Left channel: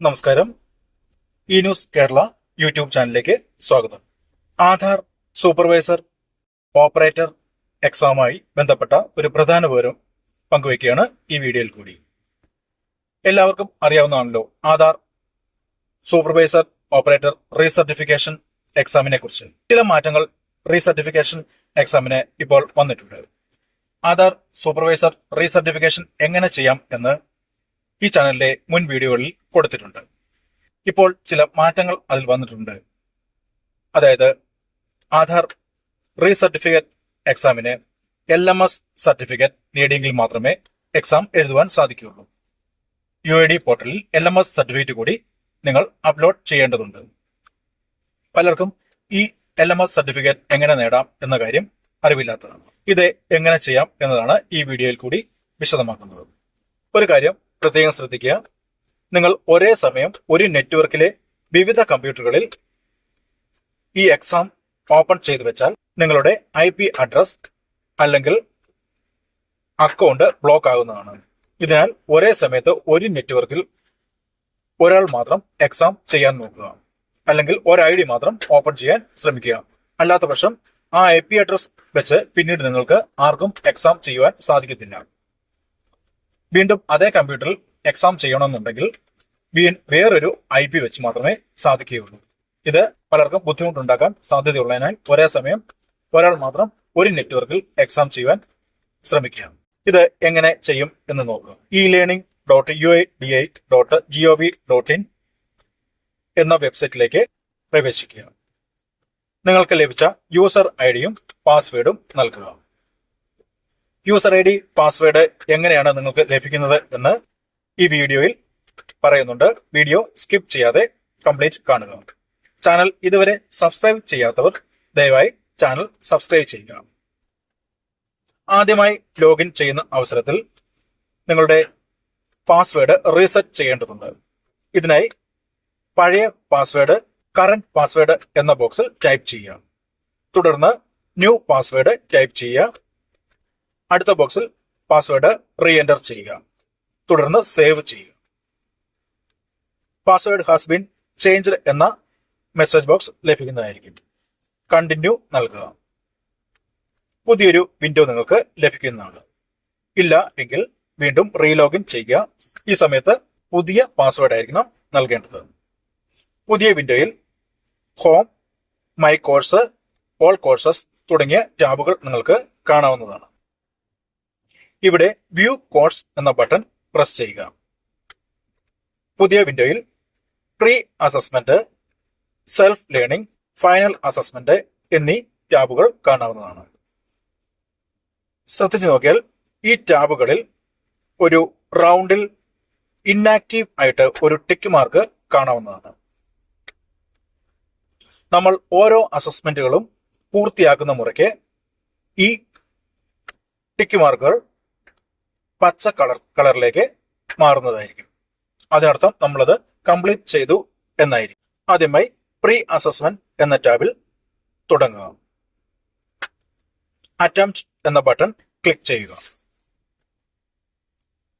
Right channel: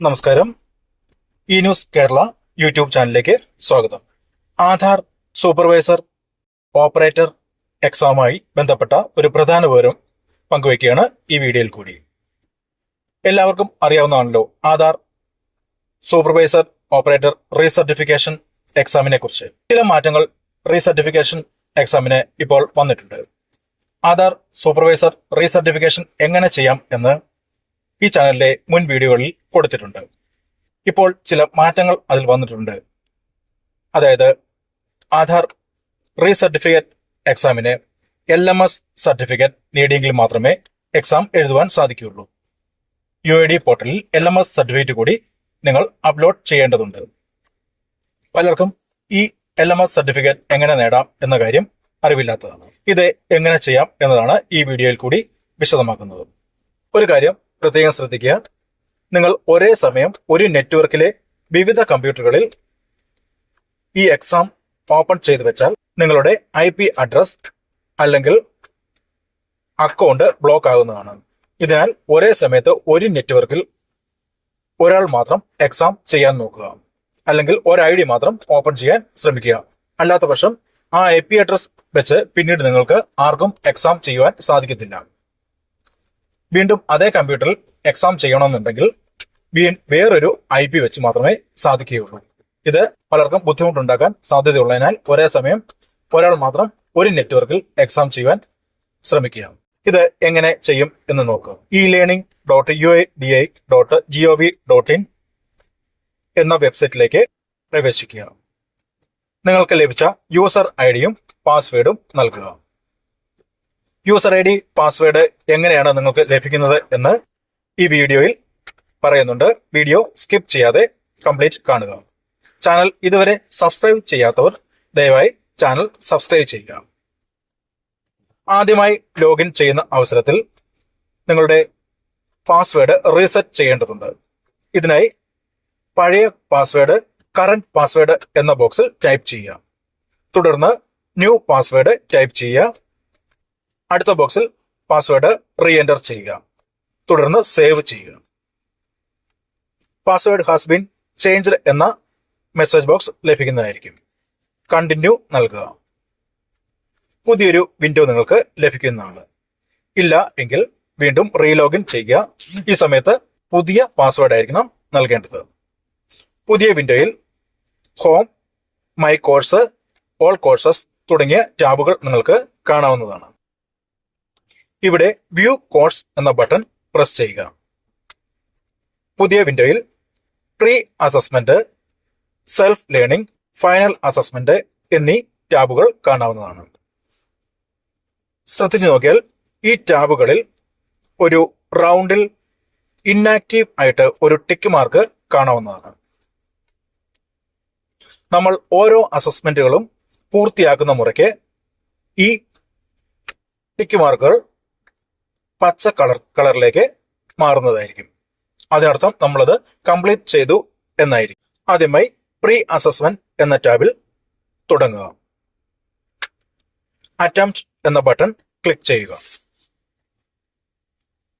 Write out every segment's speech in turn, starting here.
നമസ്കാരം. E news Kerala YouTube ചാനലിലേക്ക് സ്വാഗതം. ആധാർ സൂപ്പർവൈസർ ഓപ്പറേറ്റർ എക്സാമുമായി ബന്ധപ്പെട്ട ഒരു പ്രധാന വിവരം പങ്കുവയ്ക്കുകയാണ് ഈ വീഡിയോയിൽ കൂടി. എല്ലാവർക്കും അറിയാവുന്നതാണല്ലോ ആധാർ സൂപ്പർവൈസർ ഓപ്പറേറ്റർ റീസർട്ടിഫിക്കേഷൻ എക്സാമിനെ കുറിച്ച്. ചില മാറ്റങ്ങൾ റീസർട്ടിഫിക്കേഷൻ എക്സാമിന് ഇപ്പോൾ വന്നിട്ടുണ്ട്. ആധാർ സൂപ്പർവൈസർ റീസർട്ടിഫിക്കേഷൻ എങ്ങനെ ചെയ്യാം എന്ന് ഈ ചാനലിലെ മുൻ വീഡിയോകളിൽ കൊടുത്തിട്ടുണ്ട്. ഇപ്പോൾ ചില മാറ്റങ്ങൾ അതിൽ വന്നിട്ടുണ്ട്. അതായത് ആധാർ റീസർട്ടിഫിക്കറ്റ് എക്സാമിന് എൽ എം എസ് സർട്ടിഫിക്കറ്റ് നേടിയെങ്കിൽ മാത്രമേ എക്സാം എഴുതുവാൻ സാധിക്കുകയുള്ളൂ. യു ഐ ഡി പോർട്ടലിൽ എൽ എം എസ് സർട്ടിഫിക്കറ്റ് കൂടി നിങ്ങൾ അപ്ലോഡ് ചെയ്യേണ്ടതുണ്ട്. പലർക്കും ഈ എൽ എം എസ് സർട്ടിഫിക്കറ്റ് എങ്ങനെ നേടാം എന്ന കാര്യം അറിവില്ലാത്തതാണ്. ഇത് എങ്ങനെ ചെയ്യാം എന്നതാണ് ഈ വീഡിയോയിൽ കൂടി വിശദമാക്കുന്നത്. ഒരു കാര്യം പ്രത്യേകം ശ്രദ്ധിക്കുക. നിങ്ങൾ ഒരേ സമയം ഒരു നെറ്റ്വർക്കിലെ വിവിധ കമ്പ്യൂട്ടറുകളിൽ ഈ എക്സാം ഓപ്പൺ ചെയ്തു വെച്ചാൽ നിങ്ങളുടെ ഐ പി അഡ്രസ് അല്ലെങ്കിൽ അക്കൗണ്ട് ബ്ലോക്ക് ആകുന്നതാണ്. ഇതിനാൽ ഒരേ സമയത്ത് ഒരു നെറ്റ്വർക്കിൽ ഒരാൾ മാത്രം എക്സാം ചെയ്യാൻ നോക്കുക. അല്ലെങ്കിൽ ഒരു ഐ ഡി മാത്രം ഓപ്പൺ ചെയ്യാൻ ശ്രമിക്കുക. അല്ലാത്ത പക്ഷം ആ ഐ പി അഡ്രസ് വെച്ച് പിന്നീട് നിങ്ങൾക്ക് ആർക്കും എക്സാം ചെയ്യുവാൻ സാധിക്കത്തില്ല. വീണ്ടും അതേ കമ്പ്യൂട്ടറിൽ എക്സാം ചെയ്യണമെന്നുണ്ടെങ്കിൽ വീ- വേറൊരു ഐ പി വെച്ച് മാത്രമേ സാധിക്കുകയുള്ളൂ. ഇത് പലർക്കും ബുദ്ധിമുട്ടുണ്ടാക്കാൻ സാധ്യതയുള്ളതിനാൽ ഒരേ സമയം ഒരാൾ മാത്രം ഒരു നെറ്റ്വർക്കിൽ എക്സാം ചെയ്യുവാൻ ശ്രമിക്കുക ഇത് എങ്ങനെ ചെയ്യും എന്ന് നോക്കുക E learning dot U I D I dot G O V dot in എന്ന വെബ്സൈറ്റിലേക്ക് പ്രവേശിക്കുക. നിങ്ങൾക്ക് ലഭിച്ച യൂസർ ഐ ഡിയും പാസ്വേഡും നൽകുക. യൂസർ ഐ ഡി പാസ്വേഡ് എങ്ങനെയാണ് നിങ്ങൾക്ക് ലഭിക്കുന്നത് എന്ന് ഈ വീഡിയോയിൽ പറയുന്നുണ്ട്. വീഡിയോ സ്കിപ്പ് ചെയ്യാതെ കംപ്ലീറ്റ് കാണുക. ചാനൽ ഇതുവരെ സബ്സ്ക്രൈബ് ചെയ്യാത്തവർ ദയവായി ചാനൽ സബ്സ്ക്രൈബ് ചെയ്യുക. ആദ്യമായി ലോഗിൻ ചെയ്യുന്ന അവസരത്തിൽ നിങ്ങളുടെ പാസ്വേഡ് റീസെറ്റ് ചെയ്യേണ്ടതുണ്ട്. ഇതിനായി പഴയ പാസ്വേഡ് കറന്റ് പാസ്വേഡ് എന്ന ബോക്സിൽ ടൈപ്പ് ചെയ്യുക. തുടർന്ന് ന്യൂ പാസ്വേഡ് ടൈപ്പ് ചെയ്യുക. അടുത്ത ബോക്സിൽ പാസ്വേഡ് റീ എന്റർ ചെയ്യുക. തുടർന്ന് സേവ് ചെയ്യുക. പാസ്വേഡ് ഹാസ് ബീൻ ചേഞ്ച്ഡ് എന്ന മെസ്സേജ് ബോക്സ് ലഭിക്കുന്നതായിരിക്കും. കണ്ടിന്യൂ നൽകുക. പുതിയൊരു വിൻഡോ നിങ്ങൾക്ക് ലഭിക്കുന്നതാണ്. ഇല്ല എങ്കിൽ വീണ്ടും റീലോഗിൻ ചെയ്യുക. ഈ സമയത്ത് പുതിയ പാസ്വേഡ് ആയിരിക്കണം നൽകേണ്ടത്. പുതിയ വിൻഡോയിൽ home my course all courses തുടങ്ങിയ ടാബുകൾ നിങ്ങൾക്ക് കാണാവുന്നതാണ്. ഇവിടെ വ്യൂ കോഴ്സ് എന്ന ബട്ടൺ പ്രസ് ചെയ്യുക. പുതിയ വിൻഡോയിൽ pre assessment self learning final assessment എന്നീ ടാബുകൾ കാണാവുന്നതാണ്. ശ്രദ്ധിച്ചു നോക്കിയാൽ ഈ ടാബുകളിൽ ഒരു റൗണ്ടിൽ ഇന്നാക്റ്റീവ് ആയിട്ട് ഒരു ടിക്ക് മാർക്ക് കാണാവുന്നതാണ്. നമ്മൾ ഓരോ അസസ്മെന്റുകളും പൂർത്തിയാക്കുന്ന മുറയ്ക്ക് ഈ ടിക്ക് മാർക്കുകൾ പച്ച കളർ കളറിലേക്ക് മാറുന്നതായിരിക്കും. അതിനർത്ഥം നമ്മളത് കംപ്ലീറ്റ് ചെയ്തു എന്നായിരിക്കും. ആദ്യമായി പ്രീ അസസ്മെന്റ് എന്ന ടാബിൽ തുടങ്ങുക. അറ്റംപ്റ്റ് എന്ന ബട്ടൺ ക്ലിക്ക് ചെയ്യുക.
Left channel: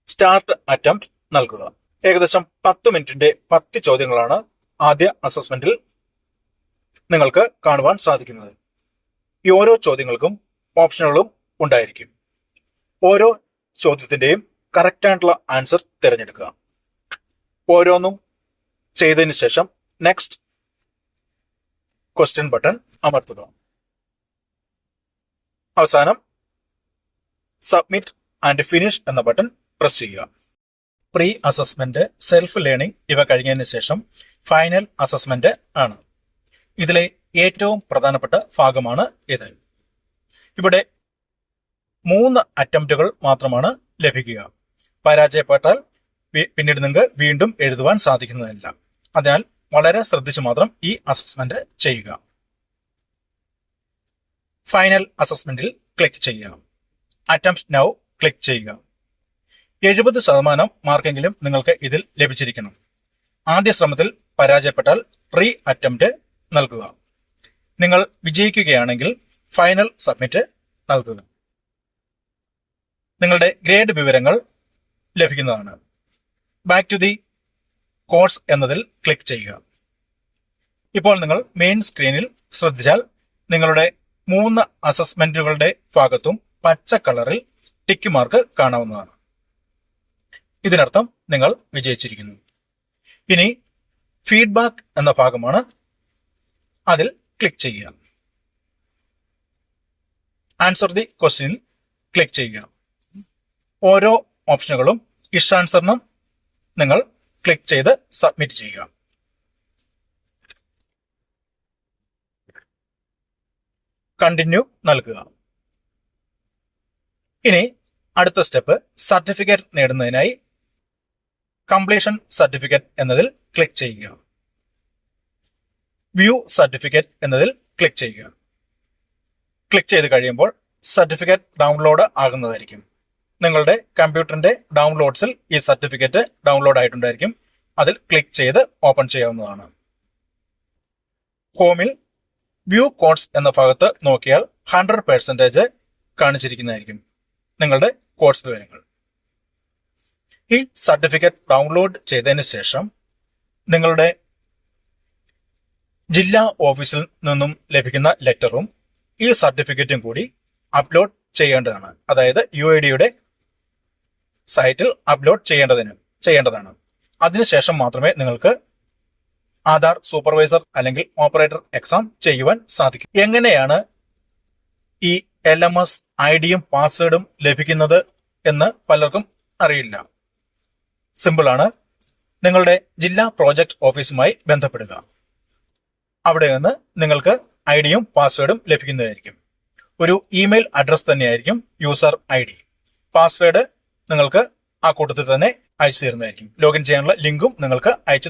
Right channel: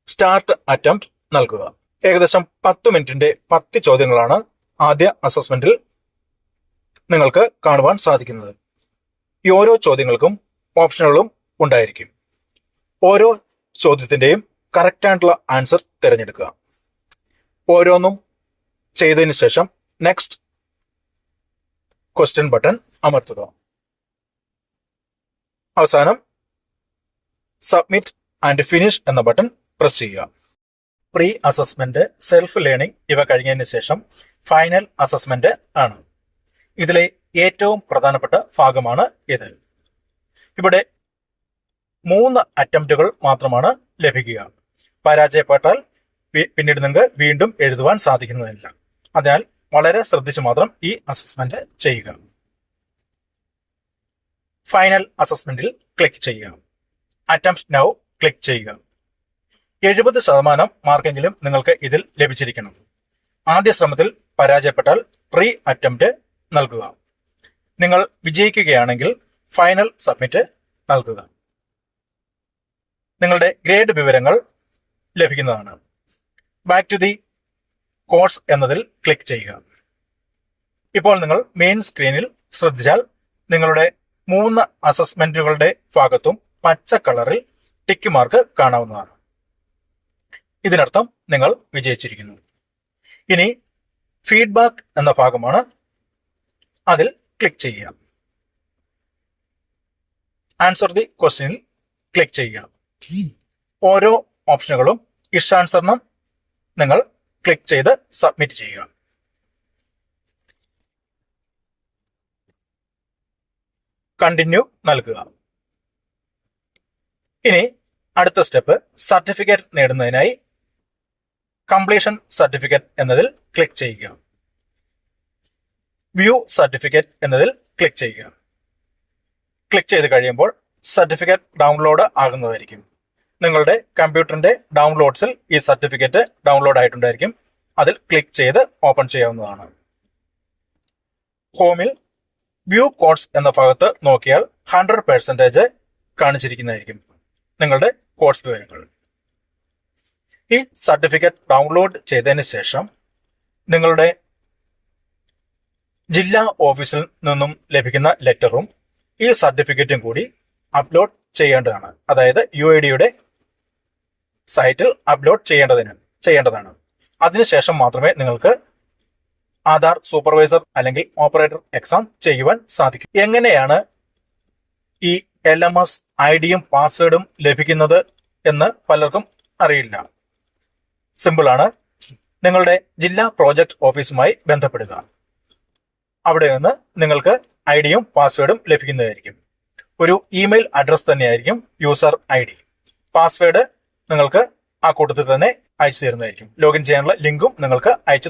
സ്റ്റാർട്ട് അറ്റംപ്റ്റ് നൽകുക. ഏകദേശം പത്ത് മിനിറ്റിന്റെ പത്ത് ചോദ്യങ്ങളാണ് ആദ്യ അസസ്മെന്റിൽ നിങ്ങൾക്ക് കാണുവാൻ സാധിക്കുന്നത്. ഈ ഓരോ ചോദ്യങ്ങൾക്കും ഓപ്ഷനുകളും ഉണ്ടായിരിക്കും. ഓരോ ചോദ്യത്തിന്റെയും കറക്റ്റ് ആയിട്ടുള്ള ആൻസർ തിരഞ്ഞെടുക്കുക. ഓരോന്നും ചെയ്തതിന് ശേഷം നെക്സ്റ്റ് ക്വസ്റ്റ്യൻ ബട്ടൺ അമർത്തുക. അവസാനം സബ്മിറ്റ് ആൻഡ് ഫിനിഷ് എന്ന ബട്ടൺ പ്രസ് ചെയ്യുക. പ്രീ അസസ്മെന്റ് സെൽഫ് ലേണിംഗ് ഇവ കഴിഞ്ഞതിന് ശേഷം ഫൈനൽ അസസ്മെന്റ് ആണ്. ഇതിലെ ഏറ്റവും പ്രധാനപ്പെട്ട ഭാഗമാണ് ഇത്. ഇവിടെ മൂന്ന് അറ്റംപ്റ്റുകൾ മാത്രമാണ് ലഭിക്കുക. പരാജയപ്പെട്ടാൽ പിന്നീട് നിങ്ങൾക്ക് വീണ്ടും എഴുതുവാൻ സാധിക്കുന്നതല്ല. അതിനാൽ വളരെ ശ്രദ്ധിച്ചു മാത്രം ഈ അസസ്മെന്റ് ചെയ്യുക. ഫൈനൽ അസസ്മെന്റിൽ ക്ലിക്ക് ചെയ്യുക. അറ്റംപ്റ്റ് നൗ ക്ലിക്ക് ചെയ്യുക. എഴുപത് ശതമാനം മാർക്കെങ്കിലും നിങ്ങൾക്ക് ഇതിൽ ലഭിച്ചിരിക്കണം. ആദ്യ ശ്രമത്തിൽ പരാജയപ്പെട്ടാൽ റീ അറ്റംപ്റ്റ് നൽകുക. നിങ്ങൾ വിജയിക്കുകയാണെങ്കിൽ ഫൈനൽ സബ്മിറ്റ് നൽകുക. നിങ്ങളുടെ ഗ്രേഡ് വിവരങ്ങൾ ലഭിക്കുന്നതാണ്. ബാക്ക് ടു ദി കോഴ്സ് എന്നതിൽ ക്ലിക്ക് ചെയ്യുക. ഇപ്പോൾ നിങ്ങൾ മെയിൻ സ്ക്രീനിൽ ശ്രദ്ധിച്ചാൽ നിങ്ങളുടെ മൂന്ന് അസസ്മെന്റുകളുടെ ഭാഗത്തും പച്ച കളറിൽ ടിക്ക് മാർക്ക് കാണാവുന്നതാണ്. ഇതിനർത്ഥം നിങ്ങൾ വിജയിച്ചിരിക്കുന്നു. ഇനി ഫീഡ്ബാക്ക് എന്ന ഭാഗമാണ് അതിൽ ക്ലിക്ക് ചെയ്യുക. ആൻസർ ദി ക്വസ്റ്റ്യനിൽ ക്ലിക്ക് ചെയ്യുക. ഓരോ ഓപ്ഷനുകളും ഇഷ്ടാനുസരണം നിങ്ങൾ ക്ലിക്ക് ചെയ്ത് സബ്മിറ്റ് ചെയ്യുക. കണ്ടിന്യൂ നൽകുക. ഇനി അടുത്ത സ്റ്റെപ്പ് സർട്ടിഫിക്കറ്റ് നേടുന്നതിനായി കംപ്ലീഷൻ സർട്ടിഫിക്കറ്റ് എന്നതിൽ ക്ലിക്ക് ചെയ്യുക. വ്യൂ സർട്ടിഫിക്കറ്റ് എന്നതിൽ ക്ലിക്ക് ചെയ്യുക. ക്ലിക്ക് ചെയ്ത് കഴിയുമ്പോൾ സർട്ടിഫിക്കറ്റ് ഡൗൺലോഡ് ആകുന്നതായിരിക്കും. നിങ്ങളുടെ കമ്പ്യൂട്ടറിന്റെ ഡൗൺലോഡ്സിൽ ഈ സർട്ടിഫിക്കറ്റ് ഡൗൺലോഡ് ആയിട്ടുണ്ടായിരിക്കും. അതിൽ ക്ലിക്ക് ചെയ്ത് ഓപ്പൺ ചെയ്യാവുന്നതാണ്. ഹോമിൽ വ്യൂ കോഡ്സ് എന്ന ഭാഗത്ത് നോക്കിയാൽ ഹൺഡ്രഡ് പെർസെന്റേജ് കാണിച്ചിരിക്കുന്നതായിരിക്കും നിങ്ങളുടെ കോഡ്സ് വിവരങ്ങൾ. ഈ സർട്ടിഫിക്കറ്റ് ഡൗൺലോഡ് ചെയ്തതിന് ശേഷം നിങ്ങളുടെ ജില്ലാ ഓഫീസിൽ നിന്നും ലഭിക്കുന്ന ലെറ്ററും ഈ സർട്ടിഫിക്കറ്റും കൂടി അപ്ലോഡ് ചെയ്യേണ്ടതാണ്. അതായത് യു ഐ ഡിയുടെ സൈറ്റിൽ അപ്ലോഡ് ചെയ്യേണ്ടതിന് ചെയ്യേണ്ടതാണ്. അതിനുശേഷം മാത്രമേ നിങ്ങൾക്ക് ആധാർ സൂപ്പർവൈസർ അല്ലെങ്കിൽ ഓപ്പറേറ്റർ എക്സാം ചെയ്യുവാൻ സാധിക്കും. എങ്ങനെയാണ് ഈ എൽ എം എസ് ഐ ഡിയും പാസ്വേഡും ലഭിക്കുന്നത് എന്ന് പലർക്കും അറിയില്ല. സിമ്പിൾ ആണ്. നിങ്ങളുടെ ജില്ലാ പ്രോജക്ട് ഓഫീസുമായി ബന്ധപ്പെടുക. അവിടെ നിന്ന് നിങ്ങൾക്ക് ഐ ഡിയും പാസ്വേഡും ലഭിക്കുന്നതായിരിക്കും. ഒരു ഇമെയിൽ അഡ്രസ് തന്നെയായിരിക്കും യൂസർ ഐ ഡി. പാസ്വേഡ് നിങ്ങൾക്ക് ആ കൂട്ടത്തിൽ തന്നെ അയച്ചു തരുന്നതായിരിക്കും. ലോഗിൻ ചെയ്യാനുള്ള ലിങ്കും നിങ്ങൾക്ക് അയച്ചു